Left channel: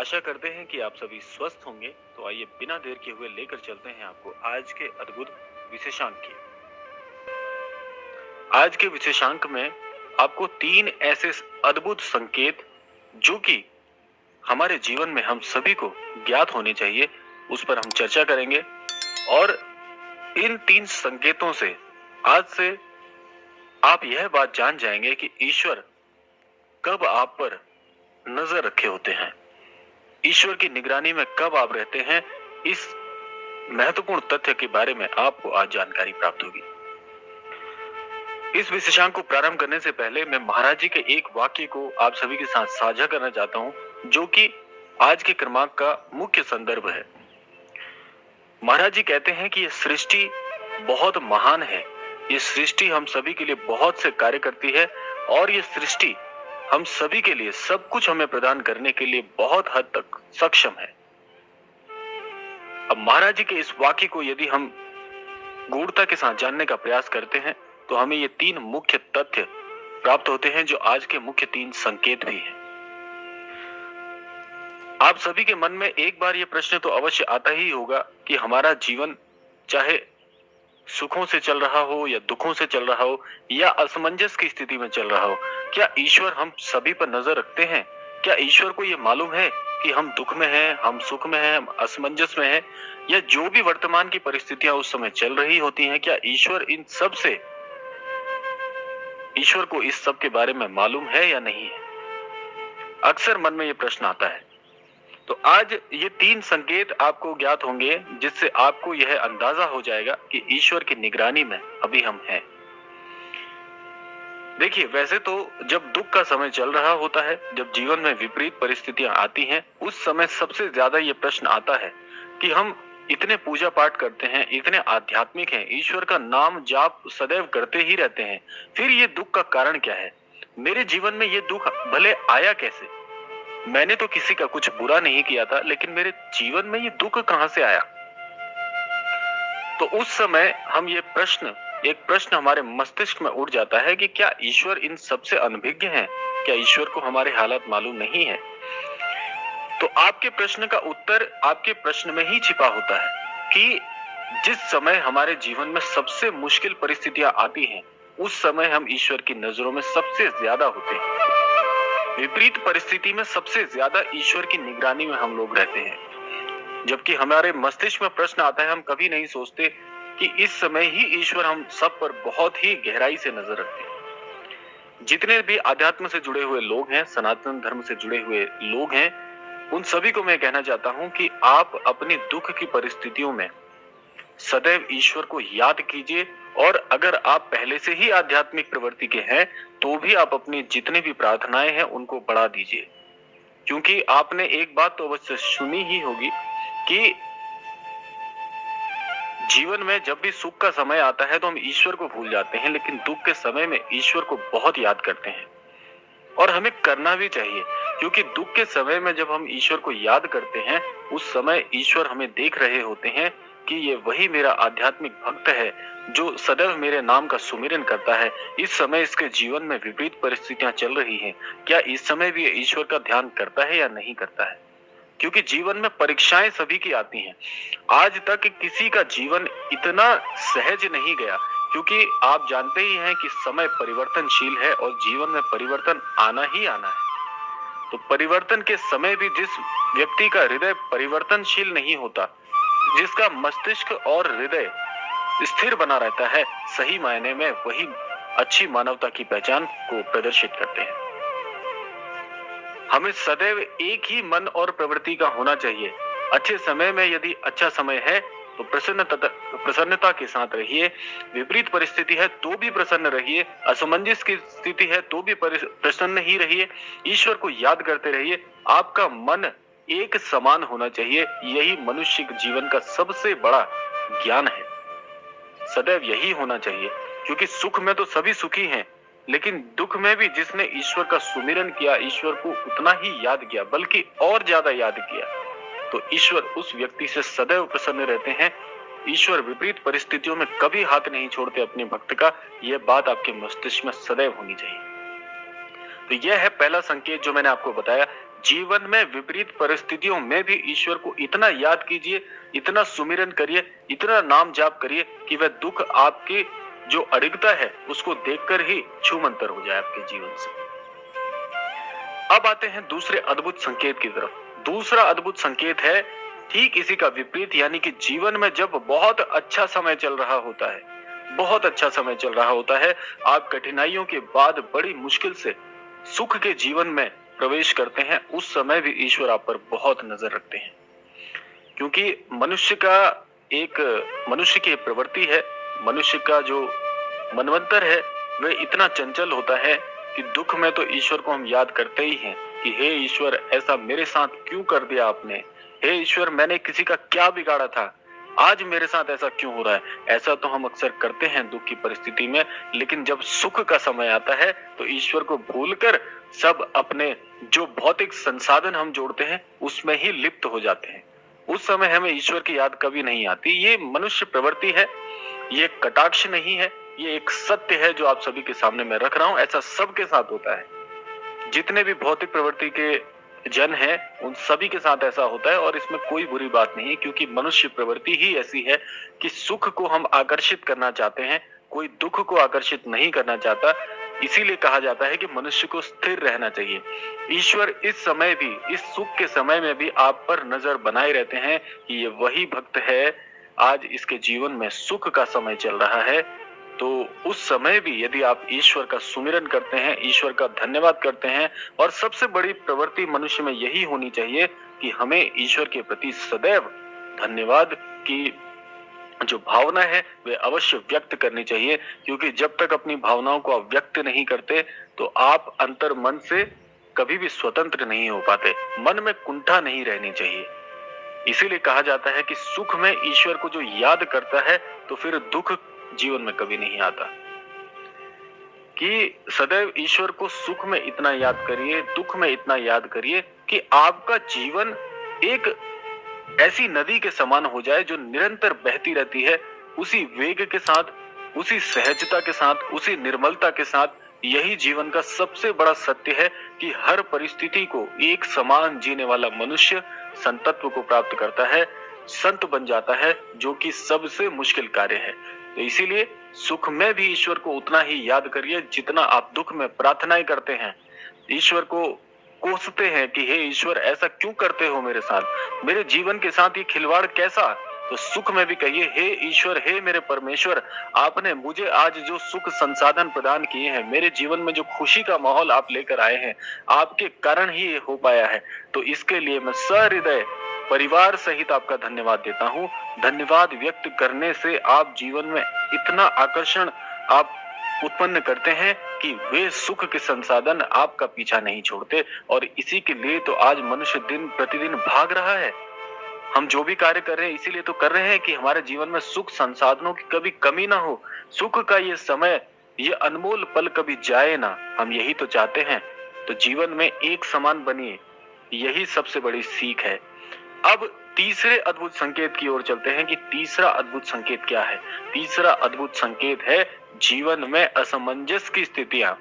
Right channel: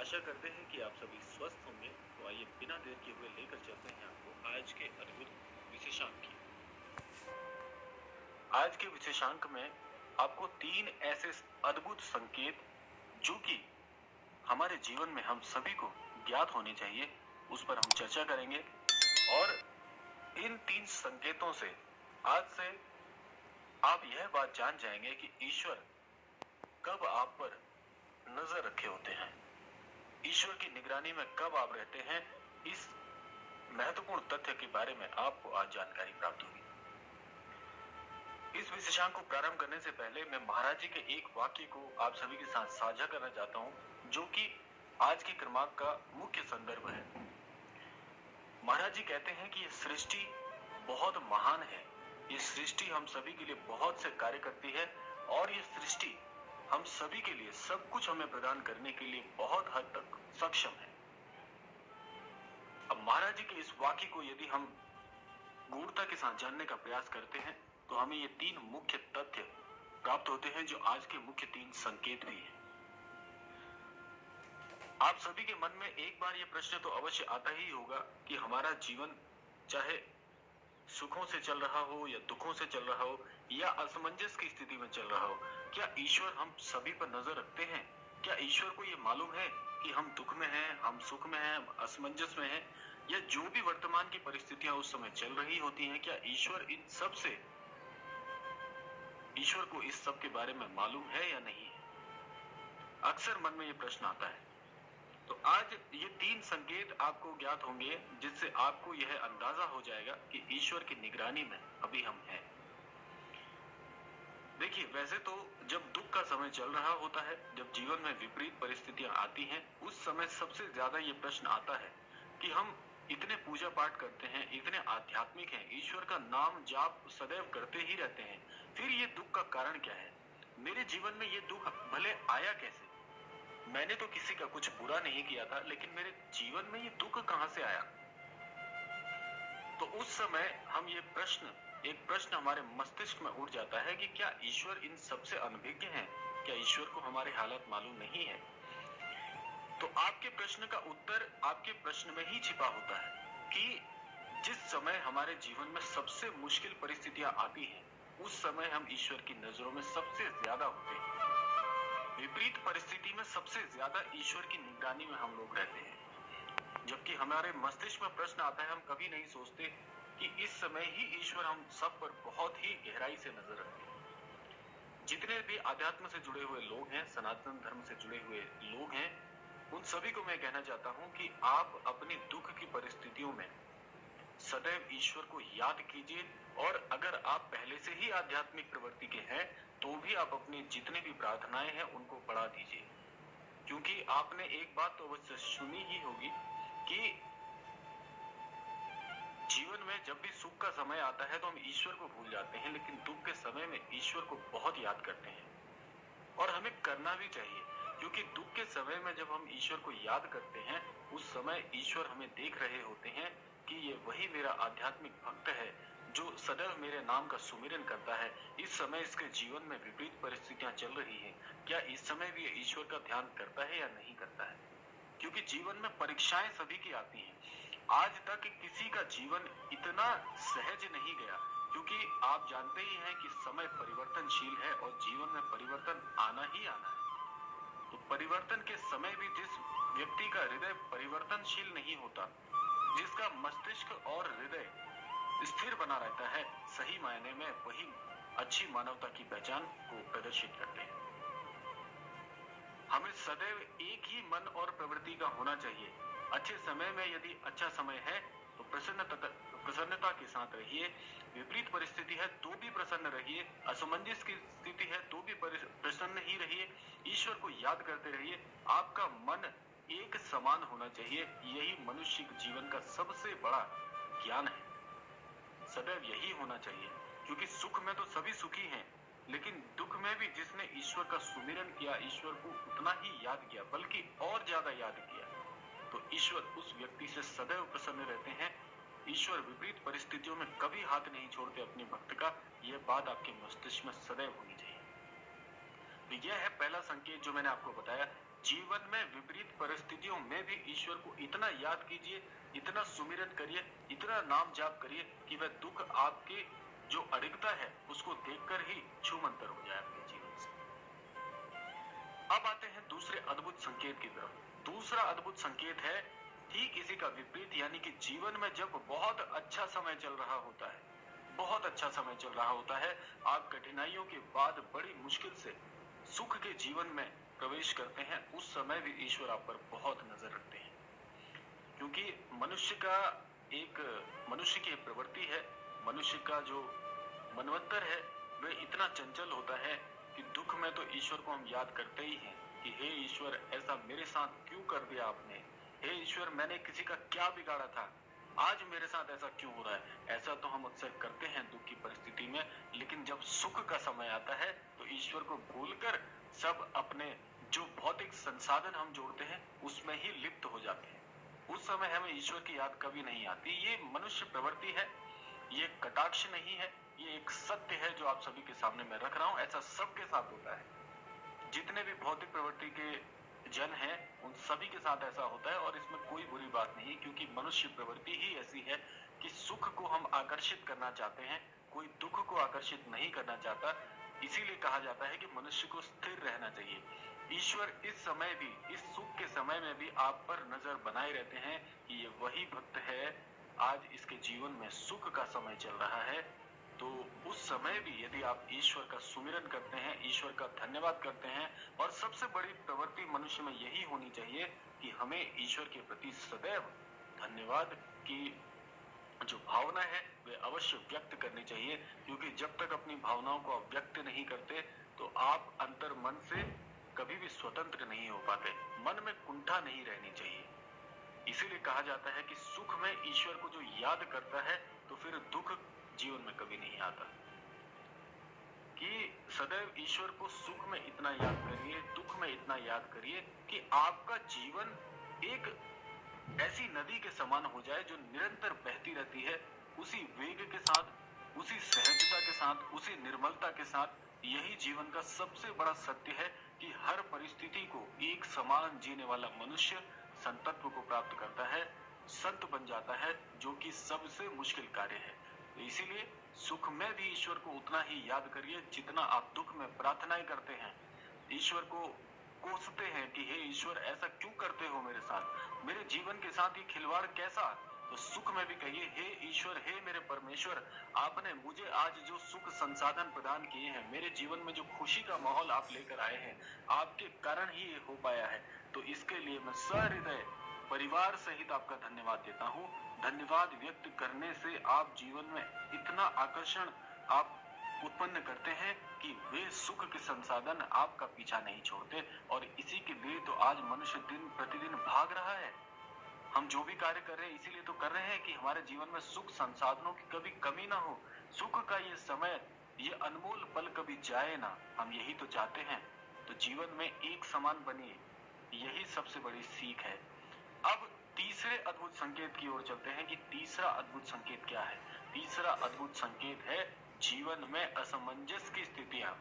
आशा करते हैं कि आप सभी स्वस्थ होंगे। तो आइए बिना देर किए हुए लेकर चलते हैं आपको आज के अद्भुत विशेषांक की। आज के विशेषांक में आपको तीन ऐसे अद्भुत संकेत जो कि हमारे जीवन में हम सभी को ज्ञात होने चाहिए, उस पर हम चर्चा करेंगे। और इन तीन संकेतों से आज से आप यह बात जान जाएंगे कि ईश्वर कब आप पर नजर रखे होते हैं, ईश्वर की निगरानी में कब आप रहते हैं। इस महत्वपूर्ण तथ्य के बारे में आपको आज जानकारी प्राप्त होगी। इस विशेषांक को प्रारंभ करने से पहले मैं महाराज जी के एक वाक्य को आप सभी के साथ साझा करना चाहता हूं, जो कि आज के क्रमांक का मुख्य संदर्भ है। महाराज जी कहते हैं कि यह सृष्टि बहुत महान है, ये सृष्टि हम सभी के लिए बहुत से कार्य करती है और ये सृष्टि हम सभी के लिए सब कुछ हमें प्रदान करने के लिए बहुत हद तक सक्षम है। अब महाराज जी के इस वाक्य को यदि हम गूढ़ता के साथ जानने का प्रयास करते हैं तो हमें ये तीन मुख्य तथ्य प्राप्त होते हैं, जो आज के मुख्य तीन संकेत भी हैं। आप सभी के मन में एक बार ये प्रश्न तो अवश्य आता ही होगा कि हमारा जीवन चाहे सुखों से चल रहा हो या दुखों से चल रहा हो या असमंजस की स्थिति में चल रहा हो, क्या ईश्वर हम सभी पर नजर रखते हैं? क्या ईश्वर को ये मालूम है कि हम दुख में हैं, हम सुख में हैं, हम असमंजस में हैं, या जो भी वर्तमान की परिस्थितियां उस समय चल रही होती हैं, क्या ईश्वर को इस सब के बारे में मालूम है या नहीं है? अक्सर मन में ये प्रश्न आता है। तो आज ये तीन संकेत आपको ज्ञात होंगे जिससे आपको यह अंदाजा हो जाएगा कि ईश्वर की निगरानी में अभी हम हैं। देखिए, वैसे तो जब दुख का समय चल रहा होता है, जब जीवन में विपरीत परिस्थितियां आती हैं, उस समय सबसे ज्यादा ये प्रश्न आता है कि हम इतने पूजा पाठ करते हैं, इतने आध्यात्मिक हैं, ईश्वर का नाम जाप सदैव करते ही रहते हैं, फिर ये दुख का कारण क्या है? मेरे जीवन में ये दुख भले आया कैसे? मैंने तो किसी का कुछ बुरा नहीं किया था, लेकिन मेरे जीवन में ये दुख कहां से आया? तो उस समय हम एक प्रश्न हमारे मस्तिष्क में उठ जाता है कि क्या ईश्वर इन सबसे अनभिज्ञ है? क्या ईश्वर को हमारे हालात मालूम नहीं है? तो आपके प्रश्न का उत्तर आपके प्रश्न में ही छिपा होता है कि जिस समय हमारे जीवन में सबसे मुश्किल परिस्थितियां आती हैं, उस समय हम ईश्वर की नजरों में सबसे ज्यादा होते हैं। विपरीत परिस्थिति में सबसे ज्यादा ईश्वर की निगरानी में हम लोग रहते हैं। जबकि हमारे मस्तिष्क में प्रश्न आता है, हम कभी नहीं सोचते कि इस समय ही ईश्वर हम सब पर बहुत ही गहराई से नजर रखते हैं। जितने भी आध्यात्म से जुड़े हुए लोग हैं, सनातन धर्म से जुड़े हुए लोग हैं, उन सभी को मैं कहना चाहता हूं कि आप अपनी दुख की परिस्थितियों में सदैव ईश्वर को याद कीजिए। और अगर आप पहले से ही आध्यात्मिक प्रवृत्ति के हैं तो भी आप अपनी जितनी भी प्रार्थनाएं हैं उनको बढ़ा दीजिए, क्योंकि आपने एक बात तो अवश्य सुनी ही होगी कि जीवन में जब भी सुख का समय आता है तो हम ईश्वर को भूल जाते हैं, लेकिन दुख के समय में ईश्वर को बहुत याद करते हैं। और हमें करना भी चाहिए, क्योंकि दुख के समय में जब हम ईश्वर को याद करते हैं, उस समय ईश्वर हमें देख रहे होते हैं कि ये वही मेरा आध्यात्मिक भक्त है जो सदैव मेरे नाम का सुमिरन करता है। इस समय इसके जीवन में विपरीत परिस्थितियां चल रही हैं, क्या इस समय भी ईश्वर का ध्यान करता है या नहीं करता है? क्योंकि जीवन में परीक्षाएं सभी की आती हैं। आज तक किसी का जीवन इतना सहज नहीं गया, क्योंकि आप जानते ही हैं कि समय परिवर्तनशील है और जीवन में परिवर्तन आना ही आना है। तो परिवर्तन के समय भी जिस व्यक्ति का हृदय परिवर्तनशील नहीं होता, जिसका मस्तिष्क और हृदय स्थिर बना रहता है, सही मायने में वही अच्छी मानवता की पहचान को प्रदर्शित करते हैं। हमें सदैव एक ही मन और प्रवृत्ति का होना चाहिए। अच्छे समय में यदि अच्छा समय है तो प्रसन्नता के साथ रहिए, विपरीत परिस्थिति है तो भी प्रसन्न रहिए, असमंजस की स्थिति है तो भी प्रसन्न ही रहिए, ईश्वर को याद करते रहिए। आपका मन एक समान होना चाहिए। यही मनुष्य के जीवन का सबसे बड़ा ज्ञान है, सदैव यही होना चाहिए। क्योंकि सुख में तो सभी सुखी हैं, लेकिन दुख में भी जिसने ईश्वर का सुमिरन किया, ईश्वर को उतना ही याद किया, बल्कि और ज्यादा याद किया, तो ईश्वर उस व्यक्ति से सदैव प्रसन्न रहते हैं। ईश्वर विपरीत परिस्थितियों में कभी हाथ नहीं छोड़ते अपने भक्त का। यह बात आपके मस्तिष्क में सदैव होनी चाहिए। तो यह है पहला संकेत जो मैंने आपको बताया। जीवन में विपरीत परिस्थितियों में भी ईश्वर को इतना याद कीजिए, इतना सुमिरन करिए, इतना नाम जाप करिए कि वह दुख आपकी जो अडिगता है उसको देखकर ही छूमंतर हो जाए आपके जीवन से। अब आते हैं दूसरे अद्भुत संकेत की तरफ। दूसरा अद्भुत संकेत है ठीक इसी का विपरीत, यानी कि जीवन में जब बहुत अच्छा समय चल रहा होता है, बहुत अच्छा समय चल रहा होता है, आप कठिनाइयों के बाद बड़ी मुश्किल से सुख के जीवन में प्रवेश करते हैं, उस समय भी ईश्वर आप पर बहुत नजर रखते हैं। क्योंकि मनुष्य की प्रवृत्ति है, मनुष्य का जो मनवंतर है वह इतना चंचल होता है कि दुख में तो ईश्वर को हम याद करते ही हैं कि हे ईश्वर, ऐसा मेरे साथ क्यों कर दिया आपने? हे ईश्वर, मैंने किसी का क्या बिगाड़ा था? आज मेरे साथ ऐसा क्यों हो रहा है? ऐसा तो हम अक्सर करते हैं दुख की परिस्थिति में, लेकिन जब सुख का समय आता है तो ईश्वर को भूलकर सब अपने जो भौतिक संसाधन हम जोड़ते हैं उसमें ही लिप्त हो जाते हैं। उस समय हमें ईश्वर की याद कभी नहीं आती। ये मनुष्य प्रवृत्ति है, ये कटाक्ष नहीं है, ये एक सत्य है जो आप सभी के सामने मैं रख रहा हूं। ऐसा सबके साथ होता है, जितने भी भौतिक प्रवृत्ति के जन हैं उन सभी के साथ ऐसा होता है, और इसमें कोई बुरी बात नहीं है, क्योंकि मनुष्य प्रवृत्ति ही ऐसी है कि सुख को हम आकर्षित करना चाहते हैं, कोई दुख को आकर्षित नहीं करना चाहता। इसीलिए कहा जाता है कि मनुष्य को स्थिर रहना चाहिए। ईश्वर इस समय भी, इस सुख के समय में भी आप पर नजर बनाए रहते हैं कि ये वही भक्त है, आज इसके जीवन में सुख का समय चल रहा है। तो उस समय भी यदि आप ईश्वर का सुमिरन करते हैं, ईश्वर का धन्यवाद करते हैं, और सबसे बड़ी प्रवृत्ति मनुष्य में यही होनी चाहिए कि हमें ईश्वर के प्रति सदैव धन्यवाद की जो भावना है वे अवश्य व्यक्त करनी चाहिए। क्योंकि जब तक अपनी भावनाओं को आप व्यक्त नहीं करते तो आप अंतर मन से कभी भी स्वतंत्र नहीं हो पाते, मन में कुंठा नहीं रहनी चाहिए। इसीलिए कहा जाता है कि सुख में ईश्वर को जो याद करता है तो फिर दुख जीवन में कभी नहीं आता। कि सदैव ईश्वर को सुख में इतना याद करिए, दुख में इतना याद करिए कि आपका जीवन एक ऐसी नदी के समान हो जाए जो निरंतर बहती रहती है, उसी वेग के साथ, उसी सहजता के साथ, उसी निर्मलता के साथ। यही जीवन का सबसे बड़ा सत्य है कि हर परिस्थिति को एक समान जीने वाला मनुष्य संतत्व को प्राप्त करता है, संत बन जाता है, जो कि सबसे मुश्किल कार्य है। तो इसीलिए सुख में भी ईश्वर को उतना ही याद करिए जितना आप दुख में प्रार्थनाएं करते हैं, ईश्वर को कोसते हैं कि हे ईश्वर, ऐसा क्यों करते हो मेरे साथ, मेरे जीवन के साथ ये खिलवाड़ कैसा? तो सुख में भी कहिए, हे ईश्वर, हे मेरे परमेश्वर, आपने मुझे आज जो सुख संसाधन प्रदान किए हैं, मेरे जीवन में जो खुशी का माहौल आप लेकर आए हैं, आपके कारण ही ये हो पाया है। तो इसके लिए मैं सहृदय परिवार सहित आपका धन्यवाद देता हूँ। धन्यवाद व्यक्त करने से आप जीवन में इतना आकर्षण आप उत्पन्न करते हैं कि वे सुख के संसाधन आपका पीछा नहीं छोड़ते। और इसी के लिए तो आज मनुष्य दिन प्रतिदिन भाग रहा है। हम जो भी कार्य कर रहे हैं इसीलिए तो कर रहे हैं कि हमारे जीवन में सुख संसाधनों की कभी कमी ना हो, सुख का ये समय, ये अनमोल पल कभी जाए ना, हम यही तो चाहते हैं। तो जीवन में एक समान बनिए, यही सबसे बड़ी सीख है। अब तीसरे अद्भुत संकेत की ओर चलते हैं कि तीसरा अद्भुत संकेत क्या है। तीसरा अद्भुत संकेत है जीवन में असमंजस की स्थितियां।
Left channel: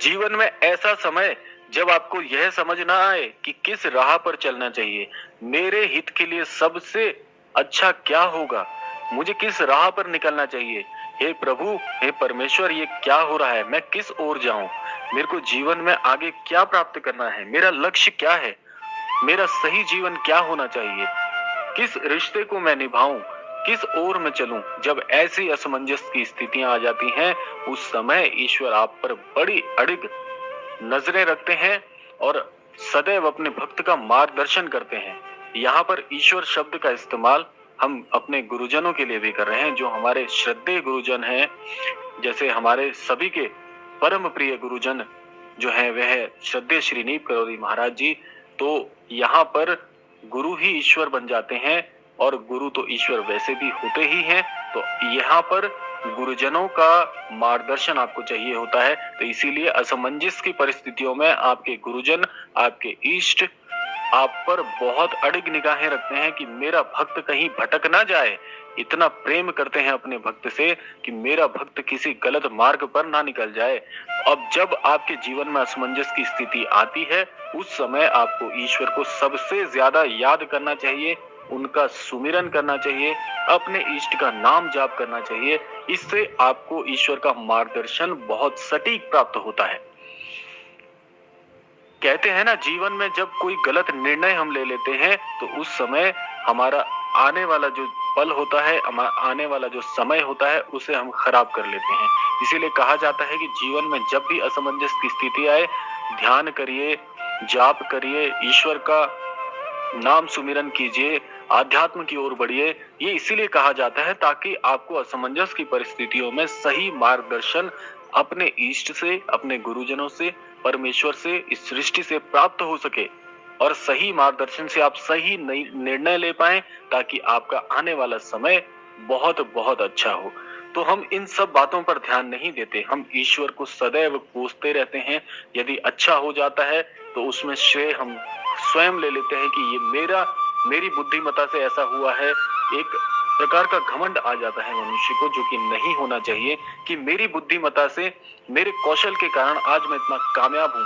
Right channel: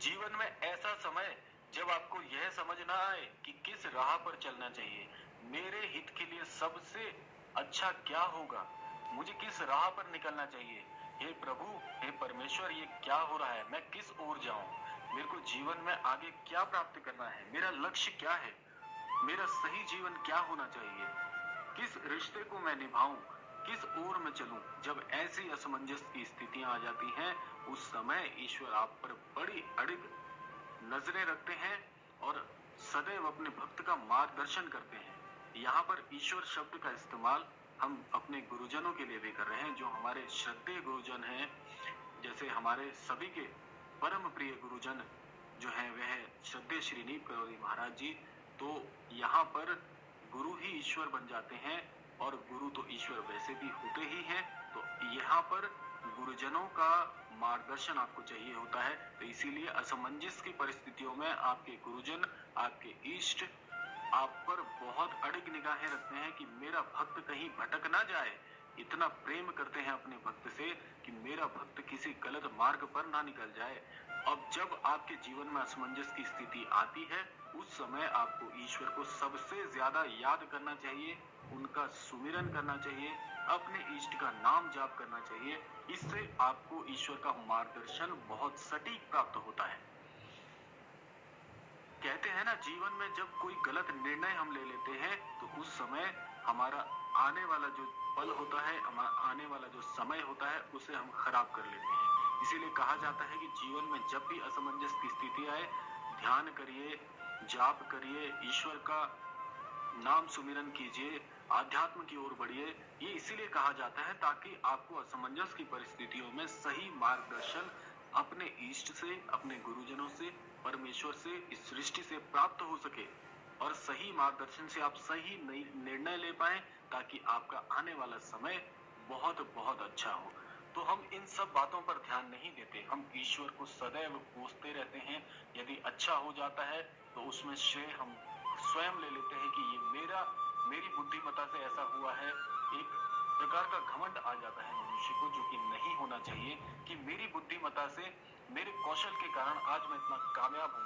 जीवन में ऐसा समय जब आपको यह समझ ना आए कि किस राह पर चलना चाहिए, मेरे हित के लिए सबसे अच्छा क्या होगा, मुझे किस राह पर निकलना चाहिए। हे प्रभु, हे परमेश्वर, ये क्या हो रहा है, मैं किस ओर जाऊं, मेरे को जीवन में आगे क्या प्राप्त करना है, मेरा लक्ष्य क्या है, मेरा सही जीवन क्या होना चाहिए, किस रिश्ते को मैं निभाऊं, किस ओर मैं चलूं। जब ऐसी असमंजस की स्थितियां आ जाती हैं, उस समय ईश्वर आप पर बड़ी अड़िग नजरें रखते हैं और सदैव अपने भक्त का मार्गदर्शन करते हैं। यहाँ पर ईश्वर शब्द का इस्तेमाल हम अपने गुरुजनों के लिए भी कर रहे हैं, जो हमारे श्रद्धेय गुरुजन हैं। जैसे हमारे सभी के परम प्रिय गुरुजन जो हैं वह श्रद्धेय श्री नीप करोरी महाराज जी। तो यहाँ पर गुरु ही ईश्वर बन जाते हैं, और गुरु तो ईश्वर वैसे भी होते ही हैं। तो यहाँ पर गुरुजनों का मार्गदर्शन आपको चाहिए होता है। तो इसीलिए असमंजस की परिस्थितियों में आपके गुरुजन, आपके इष्ट आप पर बहुत अड़िग निगाहें रखते हैं कि मेरा भक्त कहीं भटक ना जाए। इतना प्रेम करते हैं अपने भक्त से कि मेरा भक्त किसी गलत मार्ग पर ना निकल जाए। अब जब आपके जीवन में असमंजस की स्थिति आती है, उस समय आपको ईश्वर को सबसे ज्यादा याद करना चाहिए, उनका सुमिरन करना चाहिए, अपने इष्ट का नाम जाप करना चाहिए। इससे आपको ईश्वर का मार्गदर्शन बहुत सटीक प्राप्त होता है। कहते हैं ना, जीवन में जब कोई गलत निर्णय हम ले लेते हैं तो उस समय हमारा आने वाला जो पल होता है, आने वाला जो समय होता है, उसे हम खराब कर लेते हैं। इसीलिए कहा जाता है कि जीवन में जब भी असमंजस की स्थिति आए, ध्यान करिए, जाप करिए, ईश्वर का नाम सुमिरन कीजिए, आध्यात्म की ओर बढ़िए। ये इसीलिए कहा जाता है ताकि आपको असमंजस की परिस्थितियों में सही मार्गदर्शन अपने इष्ट से, अपने गुरुजनों से, परमेश्वर से, इस सृष्टि से प्राप्त हो सके और सही मार्गदर्शन से आप सही निर्णय ले पाएं ताकि आपका आने वाला समय बहुत बहुत अच्छा हो। तो हम इन सब बातों पर ध्यान नहीं देते, हम ईश्वर को सदैव कोसते रहते हैं। यदि अच्छा हो जाता है तो उसमें श्रेय हम स्वयं ले लेते हैं कि ये मेरी बुद्धिमत्ता से ऐसा हुआ है। एक प्रकार का घमंड आ जाता है मनुष्य को, जो कि नहीं होना चाहिए, कि मेरी बुद्धिमत्ता से, मेरे कौशल के कारण आज मैं इतना कामयाब हूँ।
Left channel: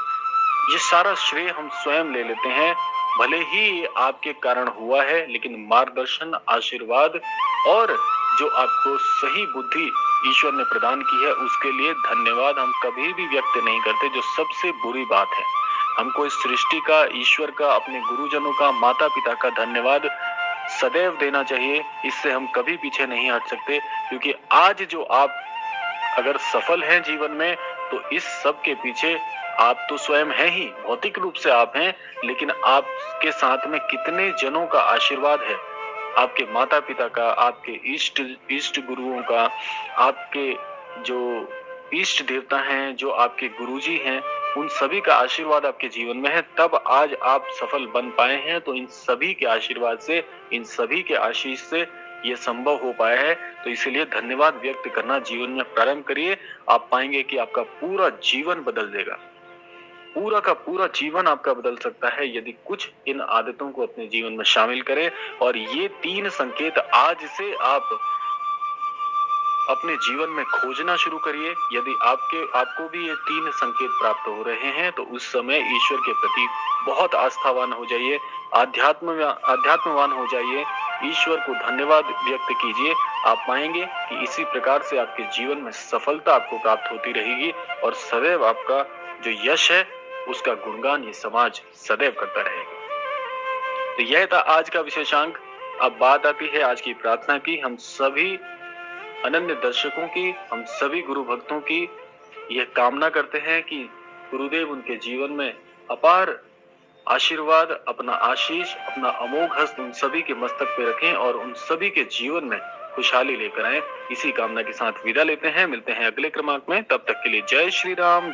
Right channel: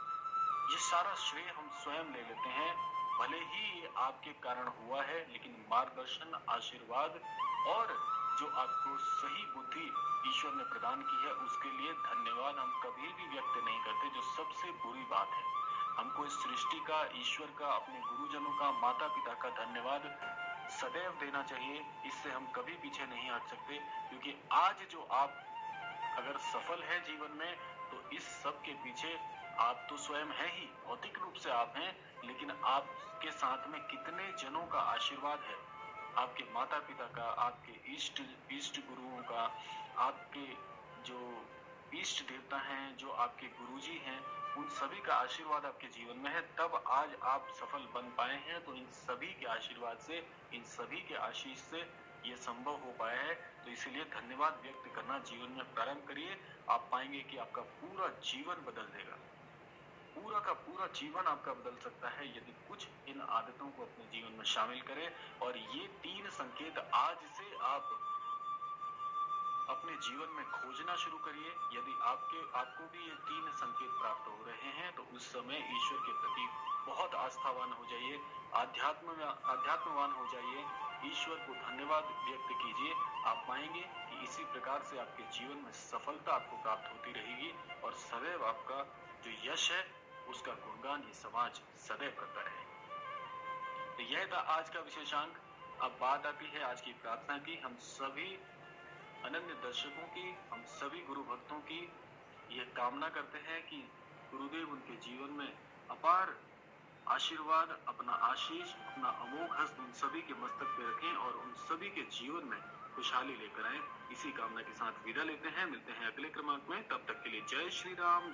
ये सारा श्रेय हम स्वयं ले लेते हैं। भले ही ये आपके कारण हुआ है, लेकिन मार्गदर्शन, आशीर्वाद और जो आपको सही बुद्धि ईश्वर ने प्रदान की है, उसके लिए धन्यवाद हम कभी भी व्यक्त नहीं करते, जो सबसे बुरी बात है। हमको इस सृष्टि का, ईश्वर का, अपने गुरुजनों का, माता पिता का धन्यवाद सदैव देना चाहिए। इससे हम कभी पीछे नहीं हट सकते, क्योंकि आज जो आप अगर सफल हैं जीवन में, तो इस सब के पीछे आप तो स्वयं हैं ही, भौतिक रूप से आप हैं, लेकिन आपके साथ में कितने जनों का आशीर्वाद है, आपके माता पिता का, आपके इष्ट गुरुओं का, आपके जो इष्ट देवता हैं, जो आपके गुरुजी हैं, उन सभी का आशीर्वाद आपके जीवन में है, तब आज आप सफल बन पाए हैं। तो इन सभी के आशीर्वाद से, इन सभी के आशीष से ये संभव हो पाया है। तो इसीलिए धन्यवाद व्यक्त करना जीवन में प्रारंभ करिए। आप पाएंगे कि आपका पूरा जीवन बदल देगा, पूरा का पूरा जीवन आपका बदल सकता है यदि कुछ इन आदतों को अपने जीवन में शामिल करें। और ये 3 संकेत आज से आप अपने जीवन में खोजना शुरू करिए। यदि आपको भी ये 3 संकेत प्राप्त हो रहे हैं, तो उस समय ईश्वर के प्रति बहुत आस्थावान हो जाइए, आध्यात्मवान हो जाइए, ईश्वर को धन्यवाद व्यक्त कीजिए। आप पाएंगे कि इसी प्रकार से आपके जीवन में सफलता आपको प्राप्त होती रहेगी और सदैव आपका जो यश है, उसका गुणगान ये समाज सदैव करता रहेगा। तो यह था आज का विशेषांक। अब बात आती है आज की प्रार्थना की। हम सभी अनन्य दर्शकों की, हम सभी गुरु भक्तों की यह कामना करते हैं कि गुरुदेव उनके जीवन में अपार आशीर्वाद, अपना आशीष, अपना अमोघ हस्त उन सभी के मस्तक पे रखें और उन सभी के जीवन में खुशहाली लेकर आए। इसी कामना के साथ विदा लेते हैं, मिलते हैं अगले क्रमांक में। तब तक के लिए जय श्री राम।